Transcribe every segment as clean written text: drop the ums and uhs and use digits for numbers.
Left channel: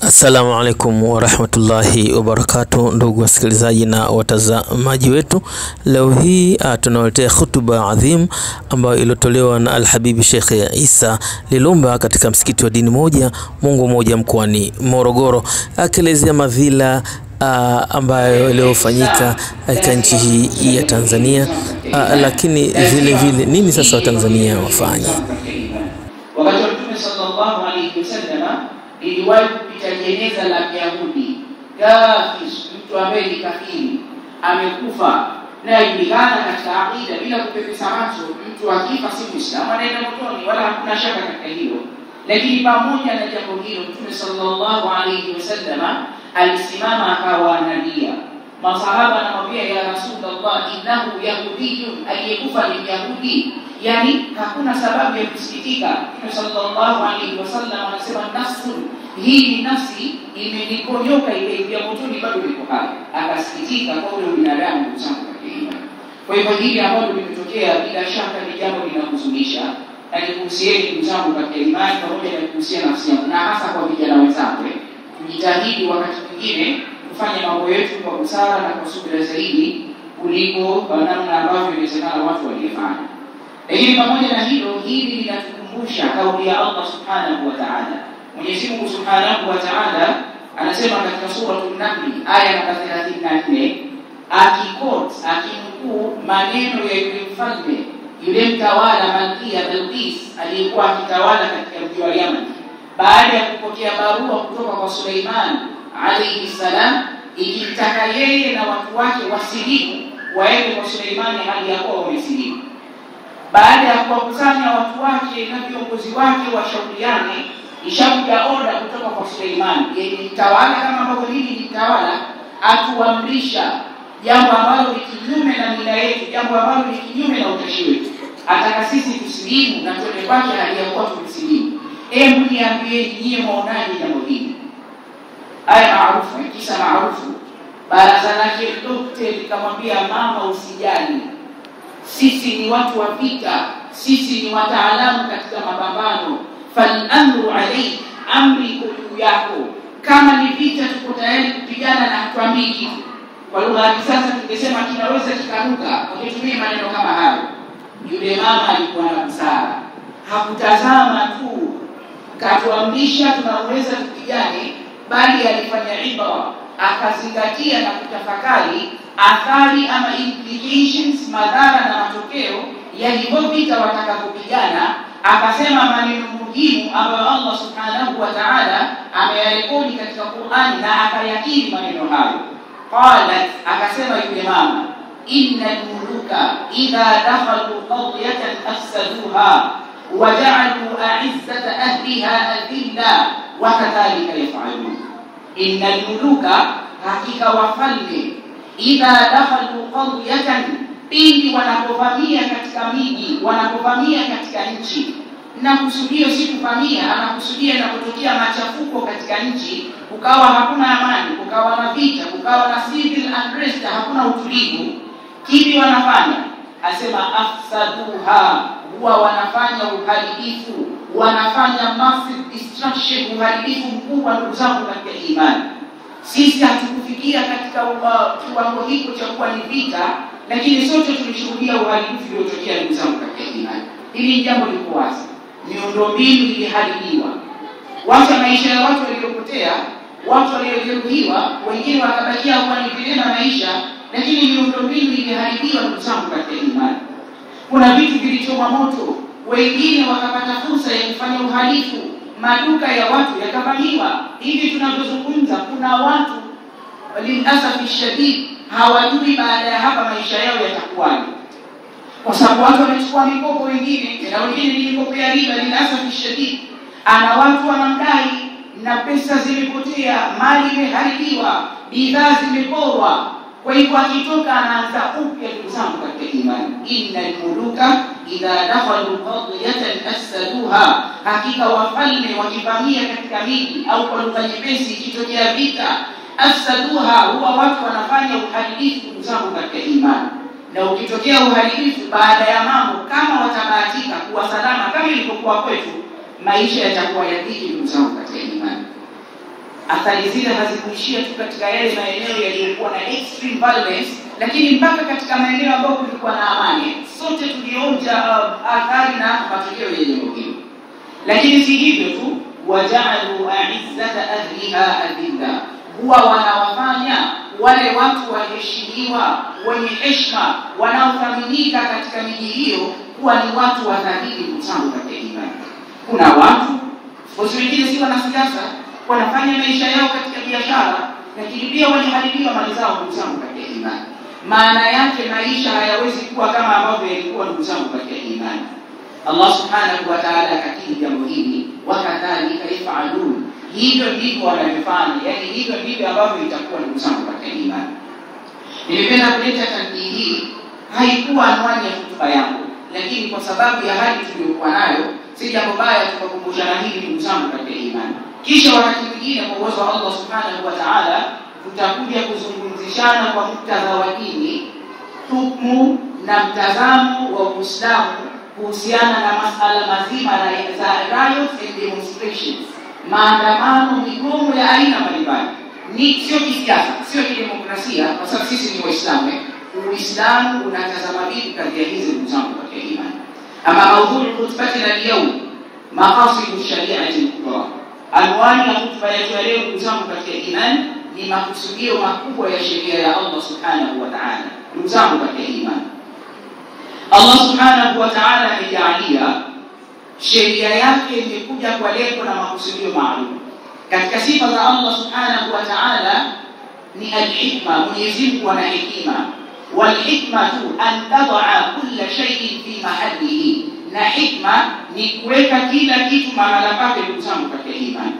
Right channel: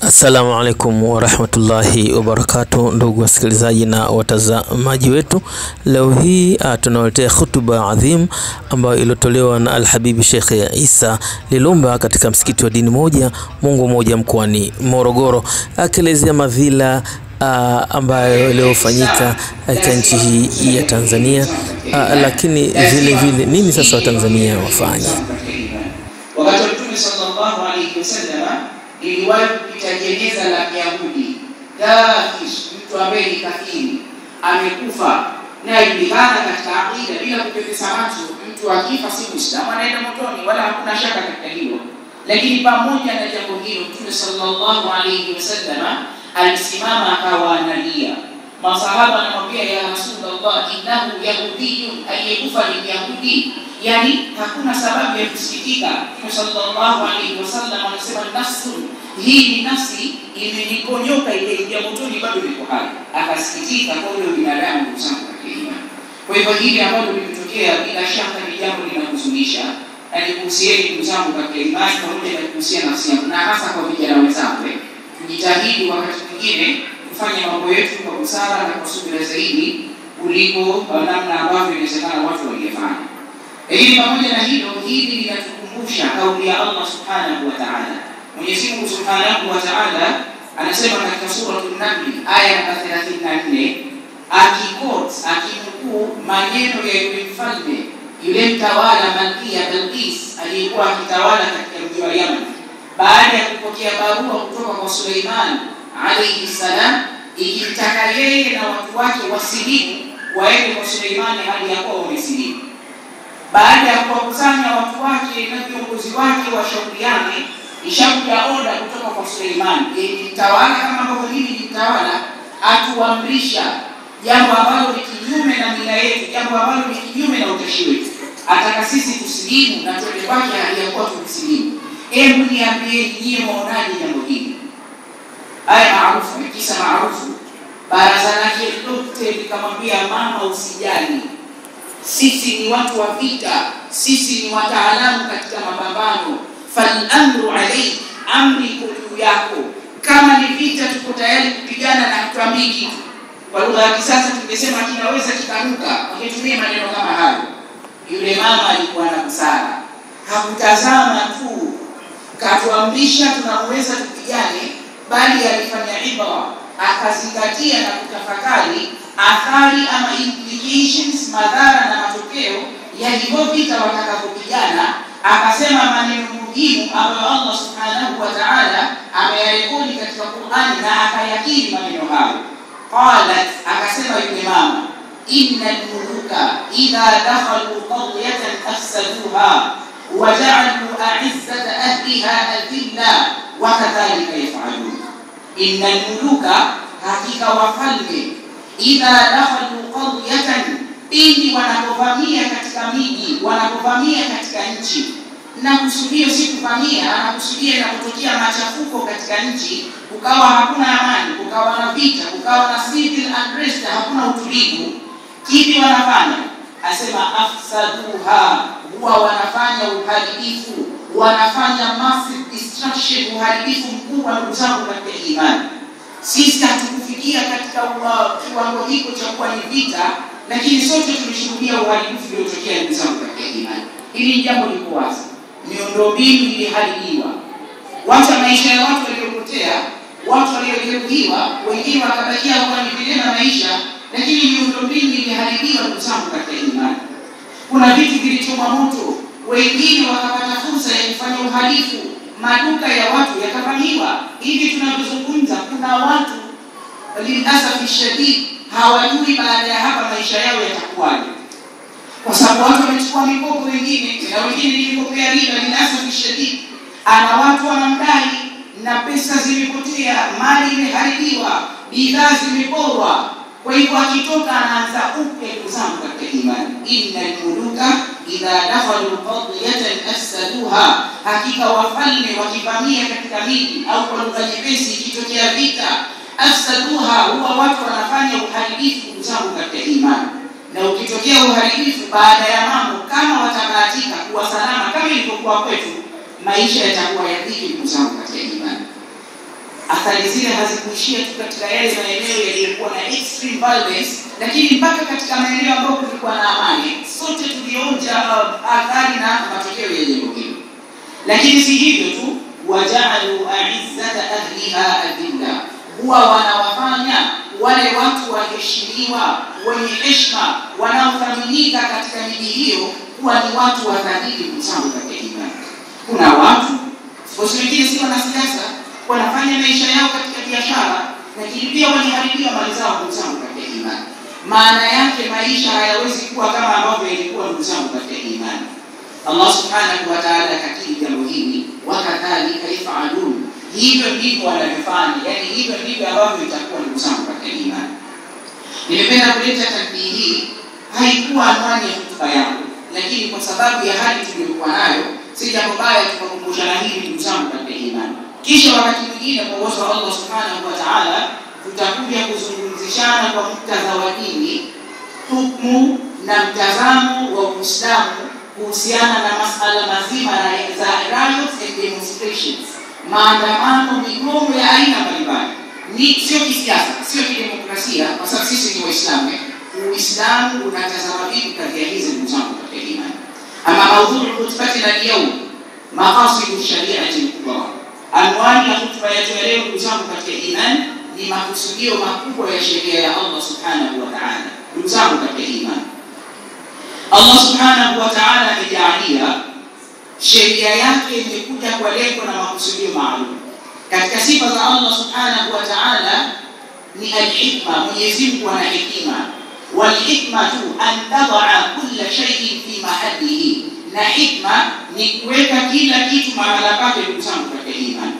Assalamu alaikum wa rahmatullahi wa barakatuh, ndugu wasikilizaji na watazamaji wetu. Leo hii tunawaletea khutba adhim ambayo iliyotolewa na Al-Habib Sheikh Isa Lilumba katika msikiti wa dini moja Mungu moja mkoani Morogoro, akielezea madhila ambayo iliyofanyika katika nchi hii ya Tanzania, lakini vile vile nini sasa Watanzania wafanye. Wakati Mtume sallallahu alayhi wasallam iliwahi kupita jeneza la Yahudi, kafir, mtu ambaye ni kafiri amekufa, na ilikana katika aqida bila kupepesa macho, mtu akifa si Muislamu anaenda motoni, wala hakuna shaka katika hilo. Lakini pamoja na jambo hilo, Mtume sallallahu alayhi wasallam alisimama akawa analia. Masahaba anamwambia, ya Rasulullah, innahu yahudiyyun, aliyekufa ni Yahudi. Yani hakuna sababu ya kusikitika. Mtume sallallahu alayhi wasallam anasema, nafsu hii ni nafsi imeniponyoka ikaingia motoni bado liko hai. Akasikitika kwa ule binadamu kusema kwa. Kwa hivyo hili ambalo limetokea bila shaka ni jambo linakuhuzunisha, na nikuhusieni ndugu zangu katika imani, pamoja na kuhusiana nafsi yangu na hasa kwa vijana wenzangu, tujitahidi wakati mwingine kufanya mambo yetu kwa busara na kwa subira zaidi kuliko namna ambavyo inawezekana watu wangefanya. Lakini pamoja na hilo, hili linatukumbusha kauli ya Allah subhanahu wa ta'ala. Mwenyezi Mungu subhanahu wa ta'ala anasema katika sura An-Nahl aya namba 34, akimkuu maneno ya yule mfalme, yule mtawala Malkia Bilqis aliyekuwa akitawala katika mji wa Yemen, baada ya kupokea barua kutoka kwa Suleiman alayhi salam ikitaka yeye na watu wake wasilimu, waende kwa Suleiman hali ya kuwa wamesilimu. Baada ya kuwakusanya watu wake na viongozi wake washauriane, ishakuja oda kutoka kwa Suleiman, yeye mtawala kama ambavyo hili ni mtawala, atuamrisha jambo ambalo ni kinyume na mila yetu, jambo ambalo ni kinyume na utashi wetu. Ataka sisi tusilimu na tuende kwake hali ya kuwa tusilimu. Hebu niambie nyinyi mwaonaje jambo hili? Aya maarufu, kisa maarufu, baraza lake lote likamwambia, mama usijali, sisi ni watu wa vita, sisi ni wataalamu katika mapambano, fal amru alayhi, amri juu yako, kama ni vita tuko tayari kupigana na hatuambii kitu. Kwa lugha ya kisasa tungesema kinaweza kikanuka, wakitumia maneno kama hayo. Yule mama alikuwa na busara, hakutazama tu katuamrisha tunaweza kupigane, bali alifanya ibra, akazingatia na kutafakari athari ama implications, madhara na matokeo ya hivyo vita watakapopigana. Akasema maneno muhimu ambayo Allah subhanahu wa ta'ala ameyarekodi katika Qur'an na akayakiri maneno hayo. Qalat, akasema yule mama, innal muluka idha dakhalu qaryatan afsaduha wa ja'alu a'izzata ahliha adilla wa kadhalika yaf'alun. Innal muluka, hakika wafalme, idha dakhalu qaryatan, pindi wanapovamia katika miji, wanapovamia katika nchi. Na kusudio si kuvamia, anakusudia inapotokea machafuko katika nchi, ukawa hakuna amani, ukawa na vita, ukawa na civil unrest, hakuna utulivu, kipi wanafanya? Asema afsaduha, huwa wanafanya uharibifu, wanafanya massive destruction, uharibifu mkubwa. Ndugu zangu katika imani, sisi hatukufikia katika kiwango hicho cha kuwa ni vita, lakini sote tulishuhudia uharibifu uliotokea. Ndugu zangu katika imani, hili jambo liko wazi. Miundombinu iliharibiwa, wacha maisha ya watu waliopotea, watu waliojeruhiwa, wengine wakabakia wanaendelea na maisha, lakini miundombinu iliharibiwa. Ndugu zangu katika imani, kuna vitu vilichomwa moto, wengine wakapata fursa ya kufanya uhalifu, maduka ya watu yakavamiwa. Hivi tunavyozungumza, kuna watu waliasafi shadid hawajui baada ya hapa maisha yao yatakuwaje, kwa sababu watu wamechukua mikopo, wengine na wengine ni mikopo ya riba. Liasafi shadid, ana watu wanamdai na pesa zimepotea, mali imeharibiwa, bidhaa zimeporwa. Kwa hivyo akitoka anaanza upya. Ndugu zangu katika imani, innal muluka idha dakhalu qaryatan afsaduha, hakika wafalme wakivamia katika miji, au kwa lugha nyepesi ikitokea vita, afsaduha, huwa watu wanafanya uharibifu. Ndugu zangu katika imani, na ukitokea uharibifu baada ya mambo, kama watabahatika kuwa salama kama ilivyokuwa kwetu, maisha yatakuwa ya dhiki. Ndugu zangu katika imani, athari zile hazikuishia tu katika yale maeneo yaliyokuwa na extreme violence, lakini mpaka katika maeneo ambayo kulikuwa na amani. Sote tulionja athari na matokeo ya jambo hilo. Lakini si hivyo tu, waja'alu a'izzata ahliha adilla, huwa wanawafanya wale watu waheshimiwa, wenye heshima, wanaothaminika katika miji hiyo kuwa ni watu wadhalili kutangu katika imani. Kuna watu wengine si wanasiasa, wanafanya maisha yao katika biashara, lakini pia wanaharibiwa mali zao kutangu katika imani. Maana yake maisha hayawezi kuwa kama ambavyo yalikuwa kutangu katika imani. Allah subhanahu wa ta'ala akakiri jambo hili, wakadhalika yaf'alun, hivyo ndivyo wanavyofanya, yani hivyo ndivyo ambavyo itakuwa ni kutangu katika imani. Nilipenda kuleta tanbihi hii, haikuwa anwani ya hotuba yangu, lakini kwa sababu ya hali tuliyokuwa nayo, si jambo baya tukakumbushana hili kutangu katika imani. Kisha wakati mwingine kwa uwezo wa Allah subhanahu wa ta'ala tutakuja kuzungumzishana kwa muktadha wa dini, hukumu na mtazamo wa Uislamu kuhusiana na masala mazima za riots and demonstrations, maandamano, migomo ya aina mbalimbali. Ni sio kisiasa, sio kidemokrasia, kwa sababu sisi ni Waislamu. Uislamu unatazama vipi kadhia hizi mtango katika imani? Ama maudhui khutbatina leo, maqasidu shari'ati al-kubra, anwani ya khutba yetu leo mtango katika imani ni makusudio makubwa ya sheria ya Allah subhanahu wa ta'ala. Mtango katika imani, Allah subhanahu wa ta'ala amejalia sheria yake imekuja kwa lengo na makusudio maalum. Katika sifa za Allah subhanahu wa ta'ala ni al-hikma, Mwenyezi Mungu ana hekima. Wal hikmatu an tad'a kulla shay'in fi mahallihi, na hikma ni kuweka kila kitu mahala pake mtango katika imani.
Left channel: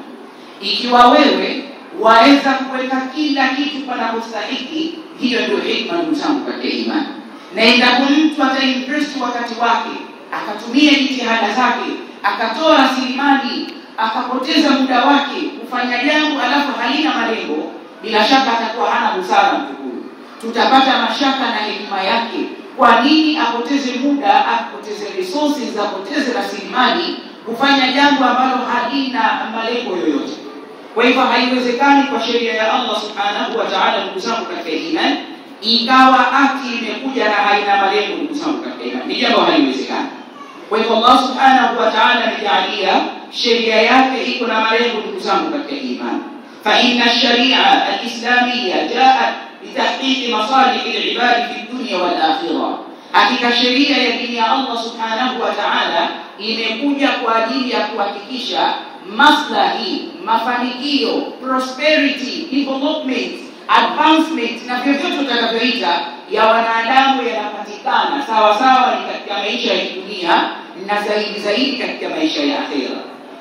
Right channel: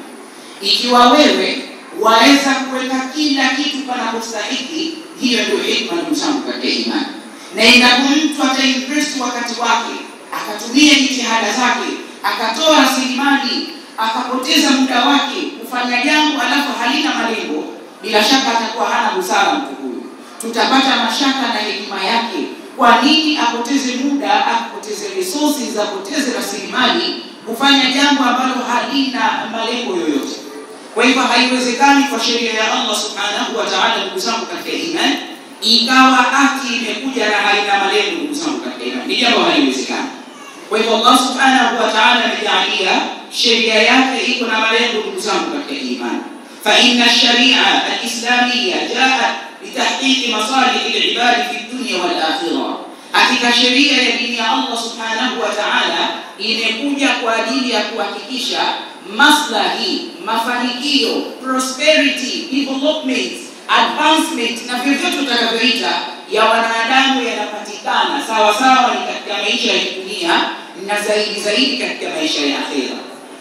Ikiwa wewe waweza kuweka kila kitu panapostahili, hiyo ndio hikma mtango katika imani. Na endapo mtu atainvest wakati wake, akatumia jitihada zake, akatoa rasilimali, akapoteza muda wake kufanya jambo alafu halina malengo, bila shaka atakuwa hana busara mtu huyo. Tutapata mashaka na hekima yake. Kwa nini apoteze muda, apoteze resources, apoteze rasilimali kufanya jambo ambalo halina malengo yoyote? Kwa hivyo haiwezekani kwa sheria ya Allah subhanahu wa ta'ala kusangu katika imani ikawa haki imekuja na haina malengo kusangu katika imani. Ni jambo haliwezekani. Kwa hivyo Allah subhanahu wa ta'ala amejalia sheria yake iko na malengo kusangu katika imani. Fa inna ash-shari'a al-islamiyya ja'at litahqiq masalih al-ibad fi ad-dunya wal akhirah. Hakika sheria ya dini ya Allah subhanahu wa ta'ala imekuja kwa ajili ya kuhakikisha maslahi, mafanikio, prosperity, development, advancement na vyovyote utakavyoita ya wanadamu yanapatikana sawa sawa ni katika maisha ya dunia na zaidi katika maisha ya akhera.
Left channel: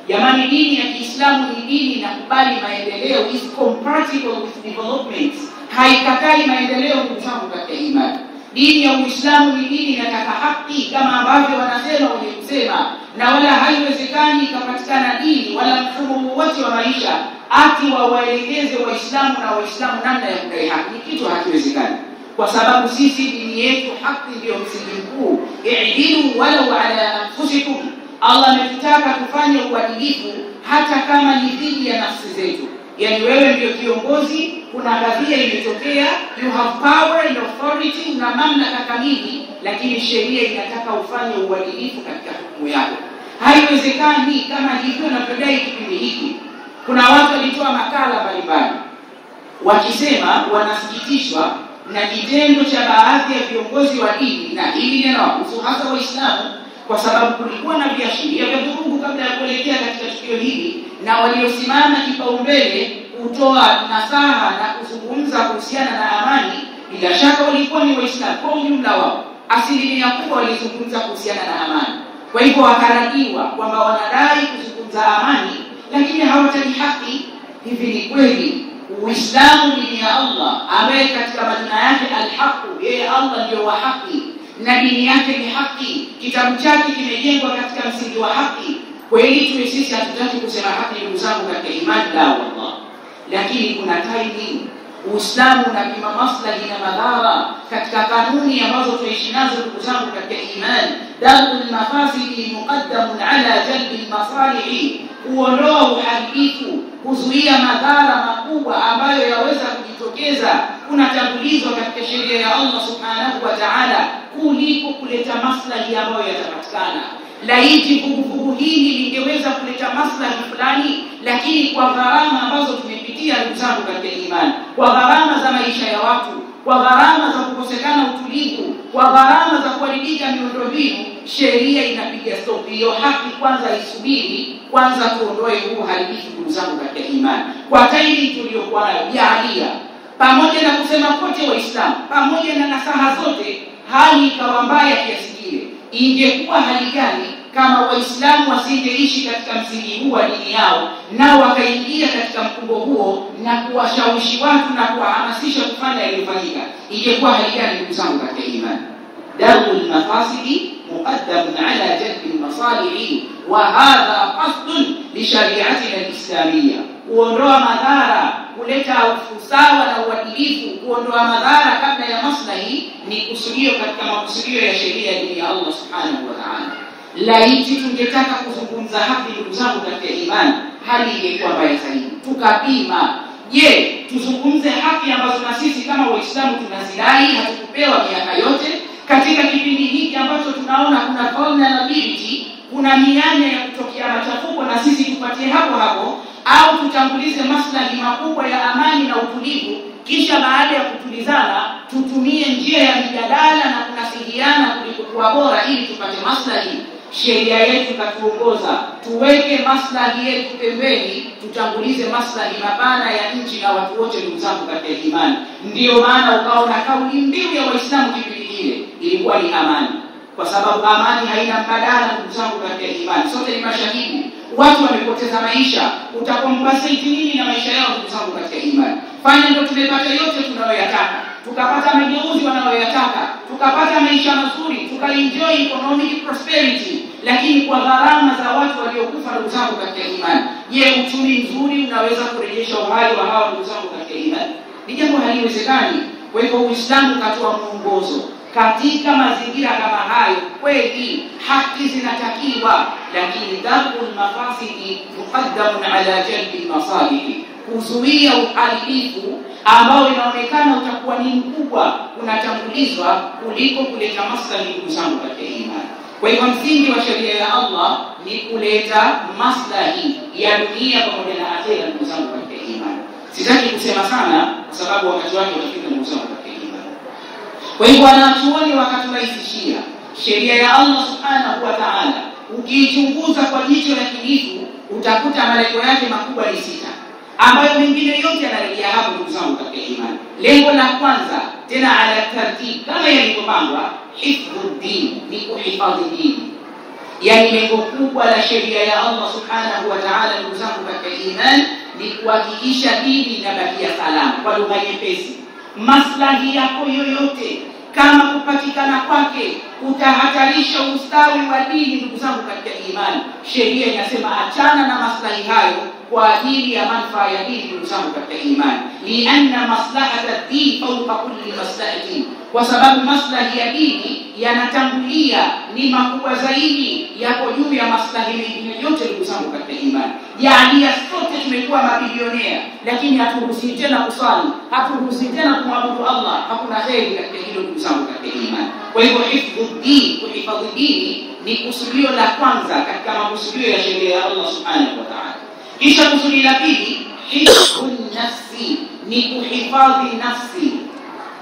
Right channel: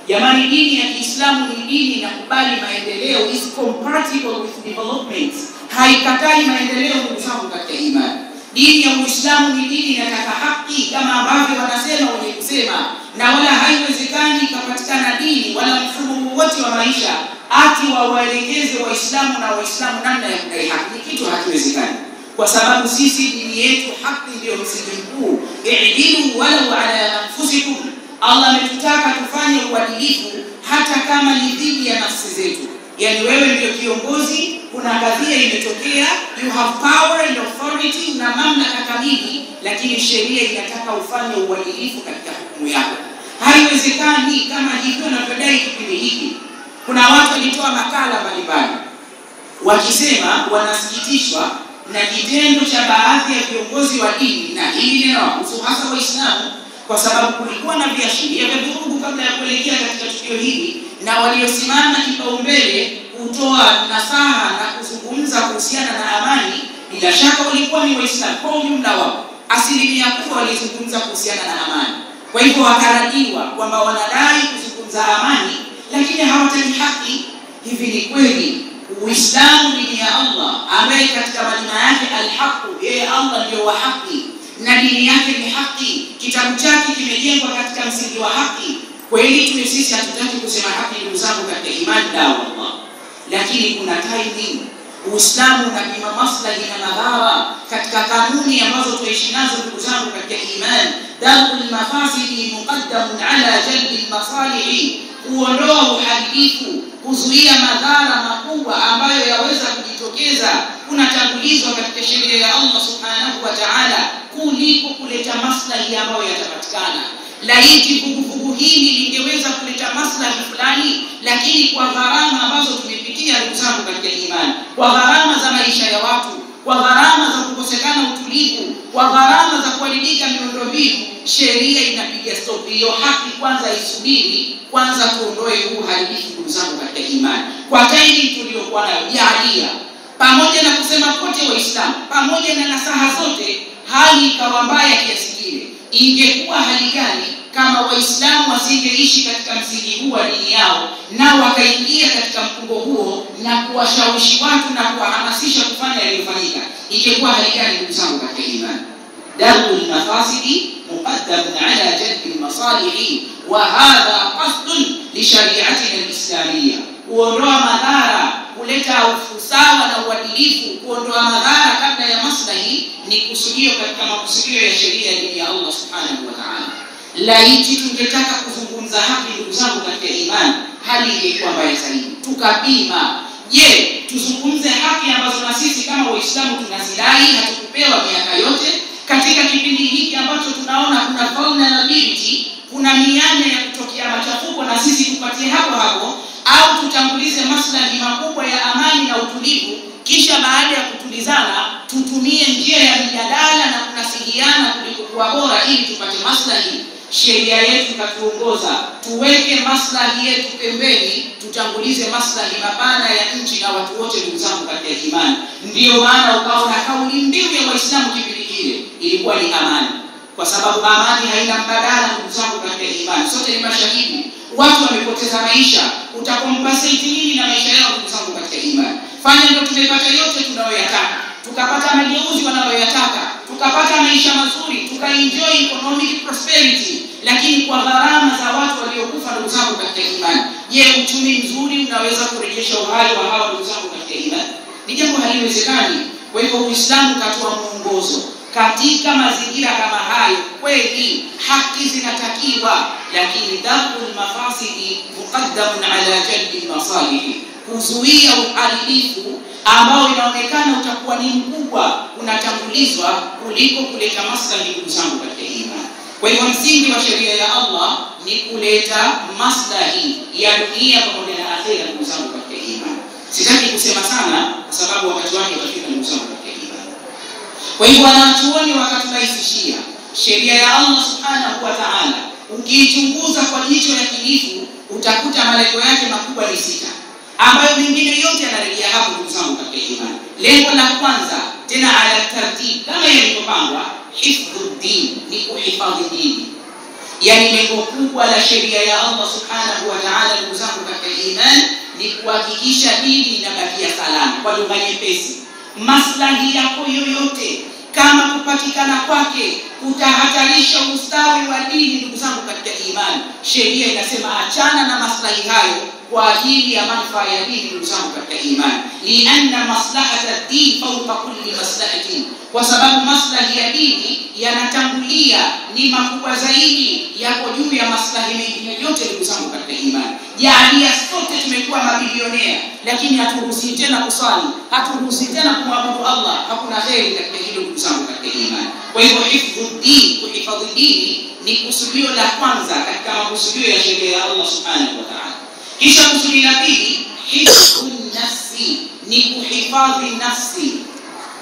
Jamani, dini ya Kiislamu ni dini inakubali maendeleo, is compatible with development. Haikatai maendeleo ndugu katika imani. Dini ya Uislamu ni dini inataka haki kama ambavyo wanasema wenye kusema, na wala haiwezekani ikapatikana dini wala mfumo wote wa maisha ati wawaelekeze Waislamu na Waislamu namna ya kudai haki. Ni kitu hakiwezekani, kwa sababu sisi dini yetu haki ndio msingi mkuu. I'dilu walau ala anfusikum, Allah ametutaka tufanye uadilifu hata kama ni dhidi ya nafsi zetu. Yani wewe ndio kiongozi, kuna kadhia imetokea, you have power and authority na mamlaka kamili, lakini sheria inataka ufanye uadilifu katika hukumu yako. Haiwezekani kama hivyo unavyodai kipindi hiki. Kuna watu walitoa makala mbalimbali wakisema wanasikitishwa na kitendo cha baadhi ya viongozi wa dini, na hili neno hasa Waislamu, kwa sababu kulikuwa na viashiria vya vurugu kabla ya kuelekea katika tukio hili, na waliosimama kipaumbele kutoa nasaha na kuzungumza kuhusiana na amani, bila shaka walikuwa ni Waislamu kwa ujumla wao. Asilimia kubwa walizungumza kuhusiana na amani. Kwa hivyo wakarajiwa kwamba wanadai kuzungumza amani, lakini hawataki haki. Hivi ni kweli Uislamu dini ya Allah ambaye katika majina yake al-haq, yeye Allah ndio wa haki na dini yake ni haki, kitabu chake kimejengwa katika msingi wa haki. Kweli tu sisi hatutaki kusema haki ndugu zangu katika imani la Allah, lakini kuna timing. Uislamu unapima maslahi na madhara katika kanuni ambazo tuishi nazo ndugu zangu katika imani. Darul mafasidi muqaddamun ala jalbi masalihi, kuondoa uharibifu, kuzuia madhara makubwa ambayo yaweza kujitokeza kunatangulizwa katika sheria ya Allah subhanahu wa ta'ala kuliko kuleta maslahi ambayo yatapatikana. Laiti vuguvugu hili lingeweza kuleta maslahi fulani, lakini kwa gharama ambazo tumepitia ndugu zangu katika imani, kwa gharama za maisha ya watu, kwa gharama za kukosekana utulivu, kwa gharama za kuharibika miundombinu, sheria inapiga stop. Hiyo haki kwanza isubiri, kwanza tuondoe huu uharibifu ndugu zangu katika imani. Kwa tairi tuliyokuwa nayo jaalia, pamoja na kusema kote Waislamu, pamoja na nasaha zote, hali ikawa mbaya kiasi kile. Ingekuwa hali gani kama Waislamu wasingeishi katika msingi huu wa dini yao, na wakaingia katika mkungo huo na kuwashawishi watu na kuwahamasisha kufanya yaliyofanyika? Ingekuwa hali gani ndugu zangu katika imani? Darul mafasidi muqaddamun ala jalbi almasalihi, wa hadha qasdun li shari'atina alislamiyya. Kuondoa madhara, kuleta usawa na uadilifu, kuondoa madhara kabla ya maslahi ni kusudio katika makusudio ya sheria ya dini ya Allah subhanahu wa ta'ala. Laiti tungetaka kuzungumza haki ndugu zangu katika imani, hali ingekuwa mbaya zaidi. Tukapima, je, tuzungumze haki ambazo na sisi kama Waislamu tunazidai, hatukupewa miaka yote? Katika kipindi hiki ambacho tunaona kuna vulnerability, kuna mianya ya kutokea machafuko, na sisi tupatie hapo hapo, au tutangulize maslahi makubwa ya amani na utulivu, kisha baada ya kutulizana tutumie njia ya mjadala na kunasihiana kuliko kuwa bora ili tupate maslahi? Sheria yetu katuongoza tuweke maslahi yetu pembeni, tutangulize maslahi mapana ya nchi na watu wote ndugu zangu katika imani. Ndio maana ukaona kauli mbiu ya Waislamu kipindi kile ilikuwa ni amani, kwa sababu amani haina mbadala ndugu zangu katika imani. Sote ni mashahidi, watu wamepoteza maisha, utakompensate nini na maisha yao ndugu zangu katika imani? Fanya ndio tumepata yote tunayoyataka, tukapata mageuzi wanayoyataka, tukapata maisha mazuri, tukaenjoy economic prosperity, lakini kwa gharama za watu waliokufa ndugu zangu katika imani. Je, uchumi mzuri unaweza kurejesha uhai wa hao ndugu zangu katika imani? Ni jambo haliwezekani. Kwa hivyo Uislamu katoa mwongozo katika mazingira kama hayo. Kweli haki zinatakiwa, lakini darul mafasidi muqaddamun ala jalbi masalihi, kuzuia uharibifu ambao inaonekana utakuwa ni mkubwa unatangulizwa kuliko kuleta maslahi ndugu zangu katika imani. Kwa hivyo msingi wa sheria ya Allah ni kuleta maslahi ya dunia pamoja na akhera ndugu zangu katika imani. Sitaki kusema sana kwa sababu wakati wake utafika ndugu zangu katika imani. Kwa hivyo wanachuoni wakaturahisishia sheria ya Allah subhanahu wa ta'ala, ukiichunguza kwa jicho la kinifu utakuta malengo yake makubwa ni 6, ambayo mengine yote yanarejea hapo ndugu zangu katika imani. Lengo la kwanza, tena ala tartib kama yalivyopangwa, hifdhuddin, ni kuhifadhi dini. Yani lengo kubwa la sheria ya Allah subhanahu wa ta'ala ndugu zangu katika imani ni kuhakikisha dini inabakia salama. Kwa lugha nyepesi, maslahi yako yoyote kama kupatikana kwake utahatarisha ustawi wa dini ndugu zangu katika imani, sheria inasema achana na maslahi hayo kwa ajili ya manufaa ya dini ndugu zangu katika imani. Lianna maslahata ad-din fawqa kulli maslahatin, kwa sababu maslahi ya dini yanatangulia, ni makubwa zaidi, yako juu ya maslahi mengine yote ndugu zangu katika imani. Jaalia sote tumekuwa mabilionea, lakini haturuhusi tena kusali, haturuhusi tena kumwabudu Allah. Hakuna heri katika hilo ndugu zangu katika imani. Kwa hivyo hifdhuddin, kuhifadhi dini, ni kusudio la kwanza katika makusudio ya sheria ya Allah subhanahu wa ta'ala. Kisha kusudi la pili, hifdhun nafsi, ni kuhifadhi nafsi.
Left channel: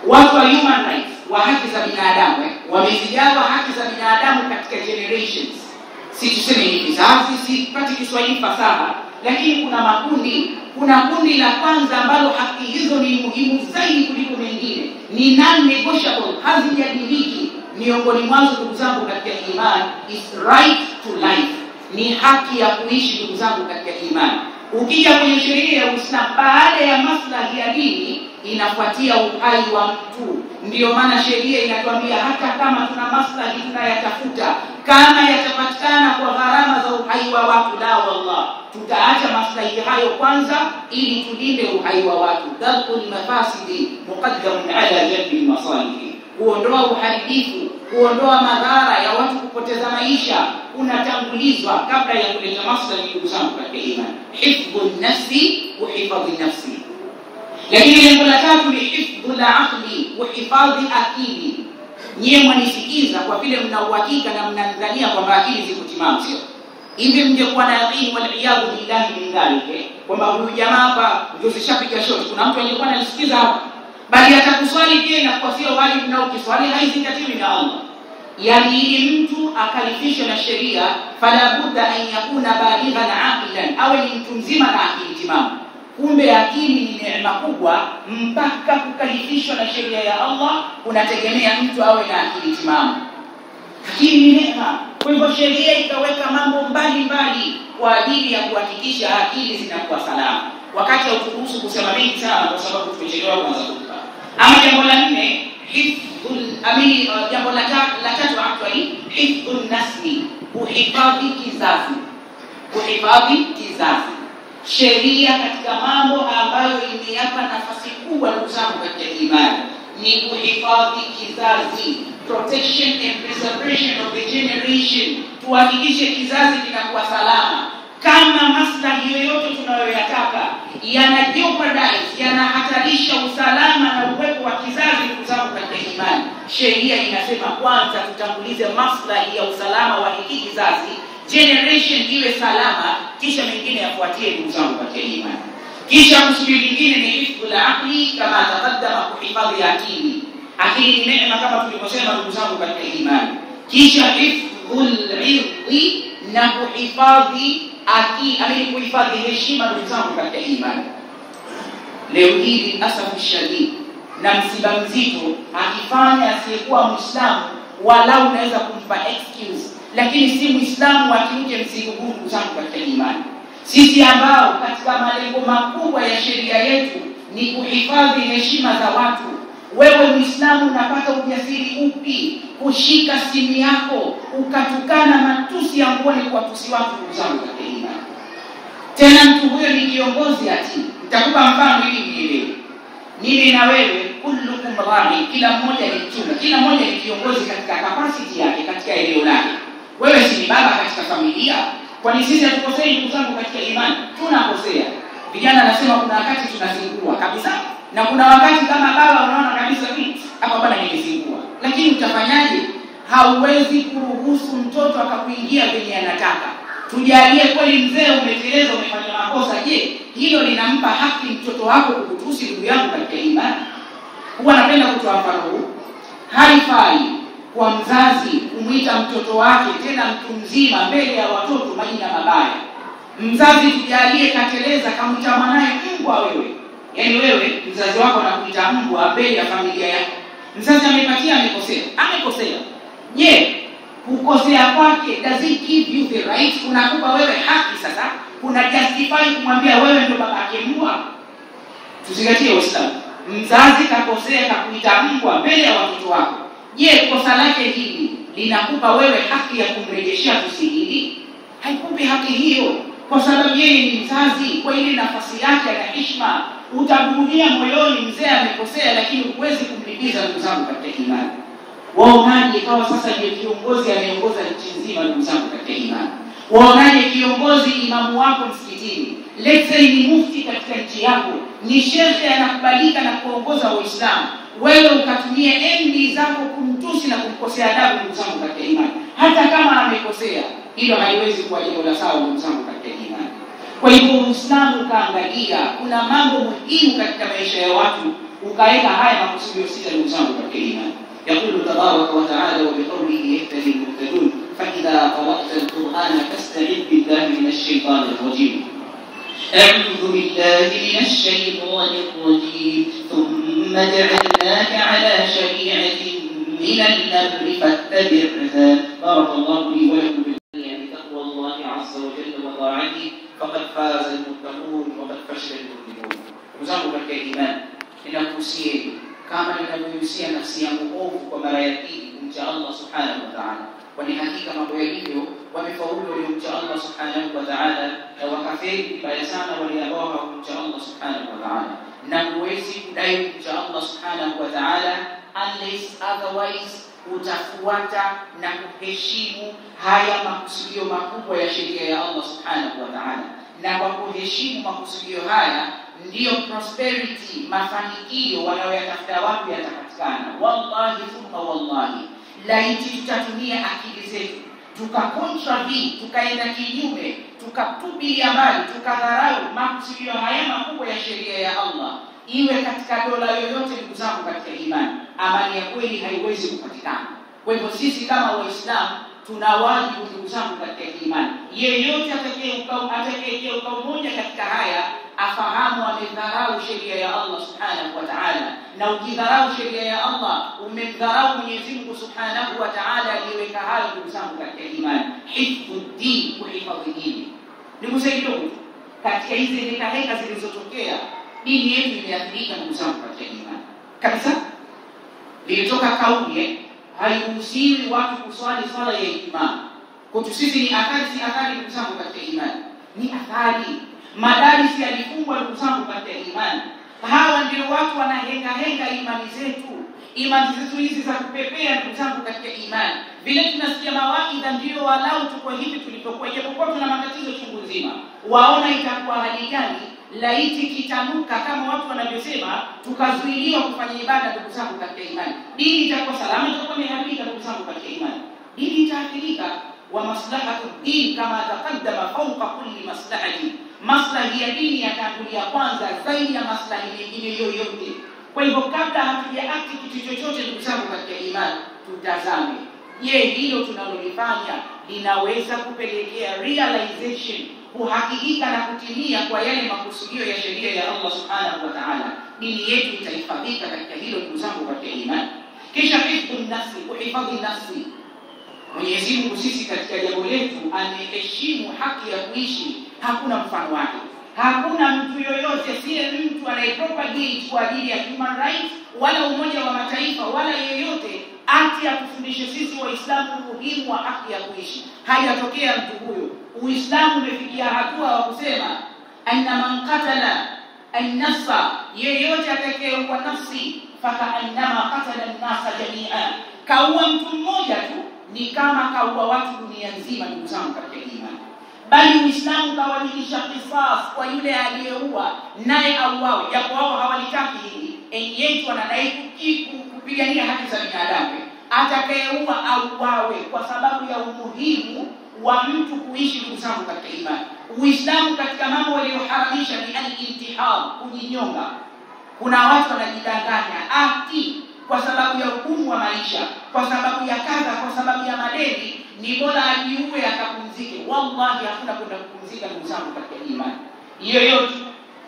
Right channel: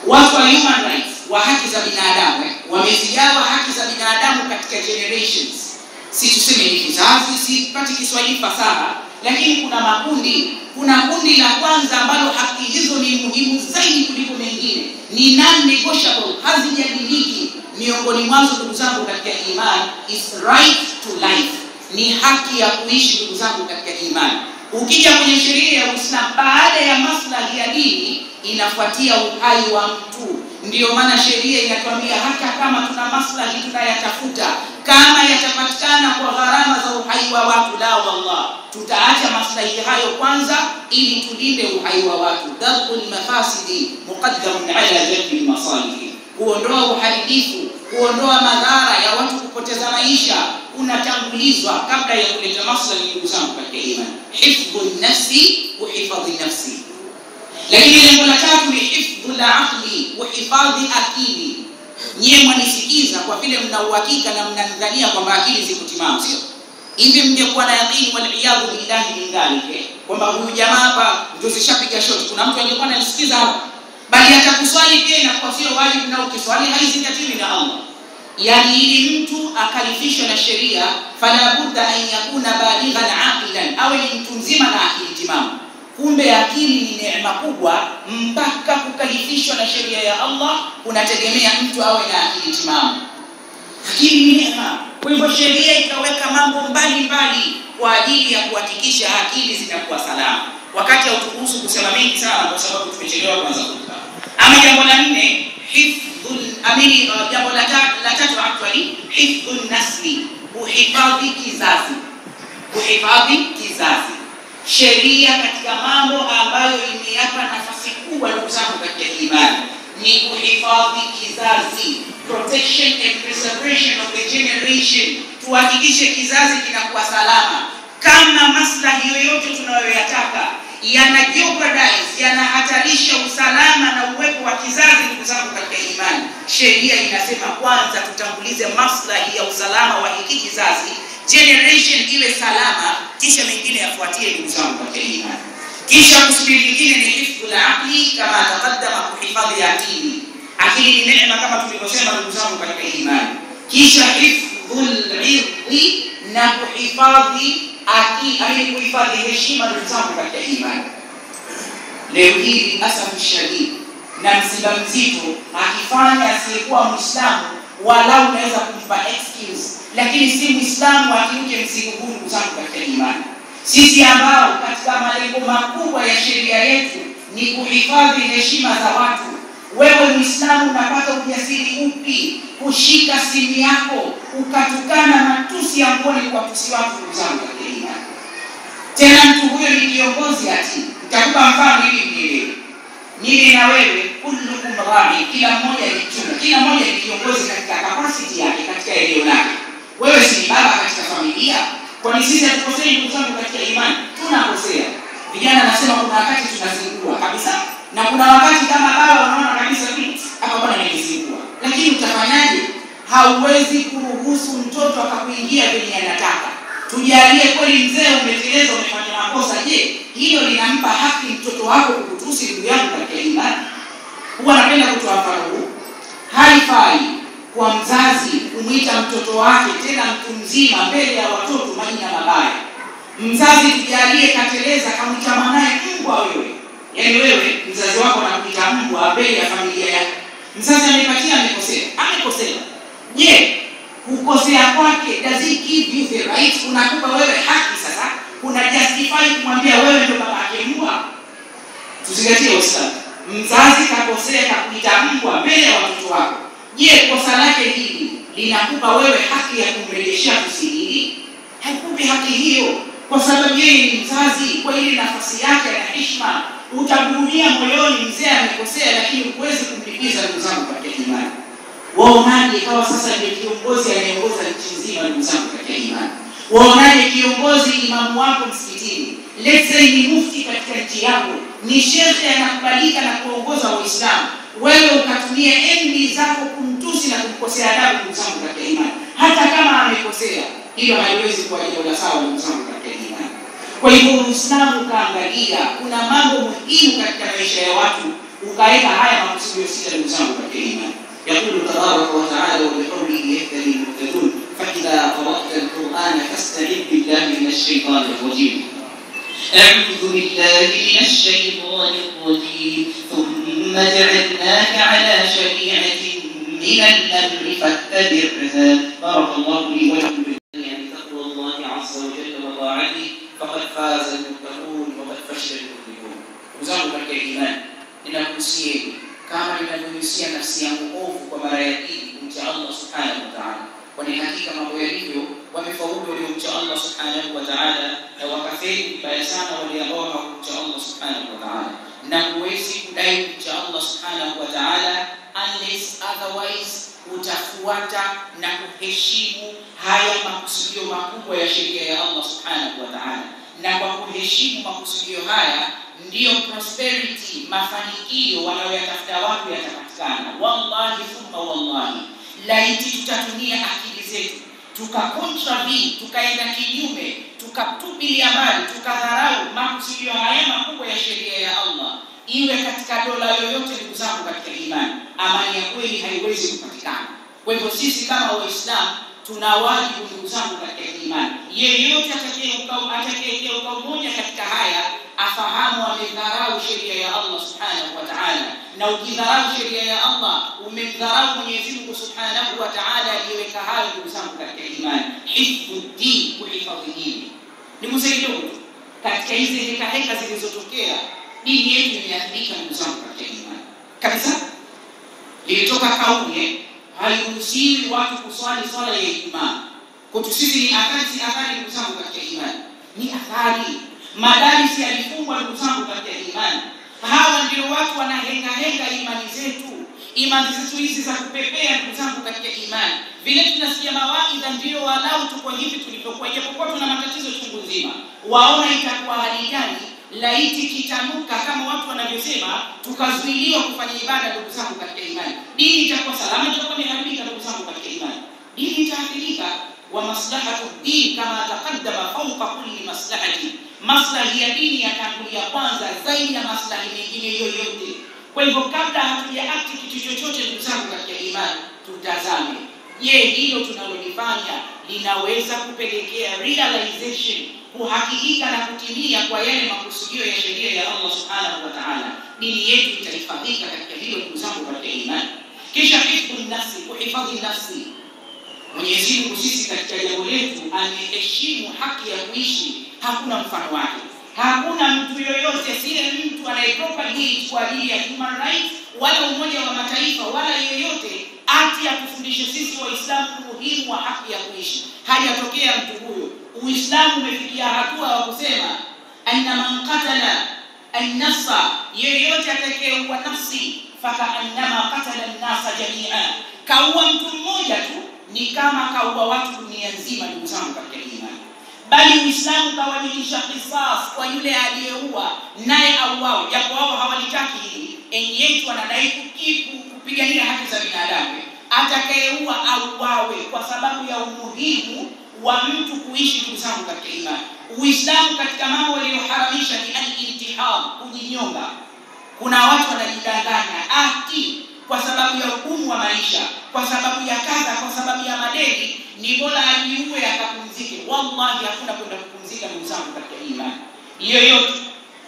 Watu wa human rights, wa haki za binadamu, wamezigawa haki za binadamu katika generations. Si tuseme ni kizazi, sipati Kiswahili fasaha, lakini kuna makundi. Kuna kundi la kwanza ambalo haki hizo ni muhimu zaidi kuliko mengine, ni non-negotiable, hazijadiliki. Miongoni mwazo ndugu zangu katika imani is right to life, ni haki ya kuishi ndugu zangu katika imani. Ukija kwenye sheria ya Uislamu, baada ya maslahi ya dini inafuatia uhai wa mtu. Ndio maana sheria inatuambia hata kama tuna maslahi tunayatafuta, kama yatapatikana kwa gharama za uhai wa watu, la wallah, tutaacha maslahi hayo kwanza ili tulinde uhai wa watu. Darul mafasidi muqaddamun ala jalbi masalih, kuondoa uharibifu, kuondoa madhara ya watu kupoteza maisha unatangulizwa kabla ya kuleta maslahi. Ndugu zangu katika imani, hifdhun nafsi wa hifadhi nafsi. Lakini lengo la tatu ni hifdhul aqli, uhifadhi akili. Nyie mwanisikiza kwa vile mna uhakika na mnadhania kwamba akili ziko timamu, sio? Hivi mngekuwa na yaqini wal iyadhu billahi min dhalika kwamba huyu jamaa hapa ndio zishapiga shoti, kuna mtu angekuwa ananisikiza hapa, bali atakuswali pia inakuwa sio wajibu, na ukiswali haizingatiwi na Allah. Yani ili mtu akalifishwe na sheria, fala budda an yakuna balighan aqilan, awe ni mtu mzima na akili timamu. Kumbe akili ni neema kubwa, mpaka kukalifishwa na sheria ya Allah kunategemea mtu awe na akili timamu. Akili ni neema. Kwa hivyo sheria ikaweka mambo mbalimbali kwa ajili ya kuhakikisha akili zinakuwa salama. Wakati hauturuhusu kusema mengi sana kwa sababu tumechelewa kuanza kutupa. Ama jambo la nne, jambo la tatu actually, hifdhun nasli, uhifadhi kizazi. Uhifadhi kizazi. Sheria katika mambo ambayo imeyapa nafasi kubwa ndugu zangu katika imani ni kuhifadhi kizazi, protection and preservation of the generation. Tuhakikishe kizazi kinakuwa salama. Kama maslahi yoyote tunayoyataka yana jeopardize, yanahatarisha usalama na uwepo wa kizazi, ndugu zangu katika imani, sheria inasema kwanza tutangulize maslahi ya usalama wa hiki kizazi, generation iwe salama, kisha mengine yafuatie, ndugu zangu katika imani. Kisha kusudi lingine ni hifdhul aqli, kama taqaddama, kuhifadhi akili. Akili ni neema kama tulivyosema, ndugu zangu katika imani. Kisha hifdhul irdi, na kuhifadhi akili, kuhifadhi heshima, ndugu zangu katika imani. Leo hii asafu shadid na msiba mzito akifanya asiyekuwa Muislamu, walau unaweza kumpa excuse, lakini si Muislamu akiuke mzigo huu, ndugu zangu katika imani. Sisi ambao katika malengo makubwa ya sheria yetu ni kuhifadhi heshima za watu, wewe Muislamu unapata ujasiri upi kushika simu yako ukatukana matusi ya ngoni kwa tusi watu, ndugu zangu katika imani? Tena mtu huyo ni kiongozi ati. Nitakupa mfano ili nielewe. Mimi na wewe kullukum ra'i, kila mmoja ni chunga, kila mmoja ni kiongozi katika capacity yake, katika eneo lake. Wewe si baba katika familia, kwani sisi hatukosei ndugu zangu katika imani? Tunakosea. Vijana nasema kuna wakati tunazingua kabisa, na kuna wakati kama baba unaona kabisa hapa bwana nimezingua. Lakini utafanyaje? Hauwezi kuruhusu mtoto akakuingia venye anataka. Tujalie kweli mzee umeteleza, umefanya makosa, je, hilo linampa haki mtoto wako kukutusi, ndugu yangu katika imani? Huwa napenda kutoa mfano huu. Haifai kwa mzazi kumuita mtoto wake, tena mtu mzima, mbele ya watoto majina mabaya. Mzazi tujalie kateleza, kamuita mwanae mbwa wewe. Yaani wewe mzazi wako anakuita mbwa mbele ya familia yako. Mzazi amepatia, amekosea. Amekosea. Je, kukosea kwake does it give you the right? Unakupa wewe haki sasa, una justify kumwambia wewe ndio baba yake mbwa? Tuzingatie Uislamu. Mzazi kakosea, kakuita mbwa mbele ya watoto wako. Je, kosa lake hili linakupa wewe haki ya kumrejeshia tusi hili? Haikupi haki hiyo, kwa sababu yeye ni mzazi, kwa ile nafasi yake na heshima. Utaburumia moyoni mzee amekosea, lakini huwezi kumlipiza, ndugu zangu katika imani. Waonaje ikawa sasa ndiye kiongozi anayeongoza nchi nzima, ndugu zangu katika imani? Waonaje kiongozi, imamu wako msikitini, let's say ni mufti katika nchi yako, ni shekhe anakubalika na kuongoza Waislamu, wewe ukatumia enzi zako kumtusi na kumkosea adabu, ndugu zangu katika imani, hata kama amekosea, hilo haiwezi kuwa jambo la sawa, ndugu zangu katika imani. Kwa hivyo Uislamu kaangalia kuna mambo muhimu katika maisha ya watu, ukaweka haya makusudio sita, ndugu zangu katika imani. يقول تبارك وتعالى وبقوله يهتدي المهتدون فإذا قرأت القرآن فاستعذ بالله من الشيطان الرجيم. أعوذ بالله من الشيطان الرجيم. ثم جعلناك على شريعة من الأمر فاتبعها. بارك الله لي ولكم بالله بتقوى الله عز وجل وطاعته فقد فاز المتقون وقد فشل المبطلون. وزعموا بالإيمان لنقصيه kama ninavyohusia nafsi yangu ovu kwa mara ya pili kumcha Allah subhanahu wa ta'ala, kwani hakika mambo yalivyo wamefaulu waliomcha Allah subhanahu wa ta'ala, na wakafeli vibaya sana wale ambao hawakumcha Allah subhanahu wa ta'ala. Na huwezi kudai kumcha Allah subhanahu wa ta'ala unless otherwise utafuata na kuheshimu haya makusudio makubwa ya sheria ya Allah subhanahu wa ta'ala. Na kwa kuheshimu makusudio haya ndiyo prosperity, mafanikio wanayoyatafuta watu yatapatikana. Wallahi thumma wallahi, laiti tutatumia akili zetu tukakontravii, tukaenda kinyume, tukatupilia mbali, tukadharau makusudio haya makubwa ya sheria ya Allah, iwe katika dola yoyote, ndugu zangu katika imani, amani ya kweli haiwezi kupatikana. Kwa hivyo sisi kama Waislamu tuna wajibu, ndugu zangu katika imani, yeyote atakayekeuka umoja katika haya afahamu amedharau sheria ya Allah subhanahu wa ta'ala. Na ukidharau sheria ya Allah umemdharau Mwenyezi Mungu subhanahu wa ta'ala aliyeweka hayo, ndugu zangu katika imani. Hifdhuddin, kuhifadhi dini. Nikusaidia katika hizi heka zilizotokea, dini yetu imeathirika, ndugu zangu katika imani kabisa. Lilitoka kauli hairuhusiwi watu kuswali swala ya Ijumaa. Kwetu sisi ni athari, ndugu zangu katika imani, ni athari. Madarisi yalifungwa, ndugu zangu katika imani. Hawa ndio watu wanahenga imani zetu hizi za kupepea, ndugu zangu katika imani. Vile tunasikia mawaidha ndio walau tuko hivi tulipokuwa, japokuwa tuna matatizo chungu nzima. Waona itakuwa hali gani laiti kitanuka kama watu wanavyosema, tukazuiliwa kufanya ibada, ndugu zangu katika imani. Dini itakuwa salama, itakuwa imeharibika, ndugu zangu katika imani. Dini itaathirika. Wa maslahatu din kama taqaddama fawqa kulli maslahati, maslahi ya dini yatangulia kwanza zaidi ya maslahi mengine yoyote. Kwa hivyo kabla hatujaakti kitu chochote, ndugu zangu katika imani, tutazame, je, hilo tunalolifanya linaweza kupelekea realization, kuhakikika na kutimia kwa yale makusudio ya sheria ya Allah subhanahu wa ta'ala. Dini yetu itahifadhika katika hilo, ndugu zangu katika imani. Kisha hifdhu nafsi, kuhifadhi nafsi. Mwenyezi Mungu sisi katika jambo letu ameheshimu haki ya kuishi, hakuna mfano wake. Hakuna mtu yoyote, siye mtu anayepropagate kwa ajili ya human rights wala Umoja wa Mataifa wala yeyote ati atufundishe sisi Waislamu umuhimu wa haki ya kuishi. Hajatokea mtu huyo. Uislamu umefikia hatua wa kusema anna man qatala an-nafsa, yeyote atakayeua nafsi faka annama qatala an-nasa jami'a, kaua mtu mmoja tu ni kama kaua watu dunia nzima, ndugu zangu katika imani. Bali Uislamu kawajibisha qisas kwa yule aliyeua naye auawe, japo wao hawalitaki hili. Yetu wanadai kupigania haki za binadamu. Atakayeua auawe kwa sababu ya umuhimu wa mtu kuishi, ndugu zangu katika imani. Uislamu katika mambo walioharamisha ni al-intihar, kujinyonga. Kuna watu wanajidanganya ati kwa sababu ya ugumu wa maisha, kwa sababu ya kaza, kwa sababu ya madeni, ni bora ajiue akapumzike. Wallahi hakuna kwenda kupumzika, ndugu zangu katika imani. Yeyote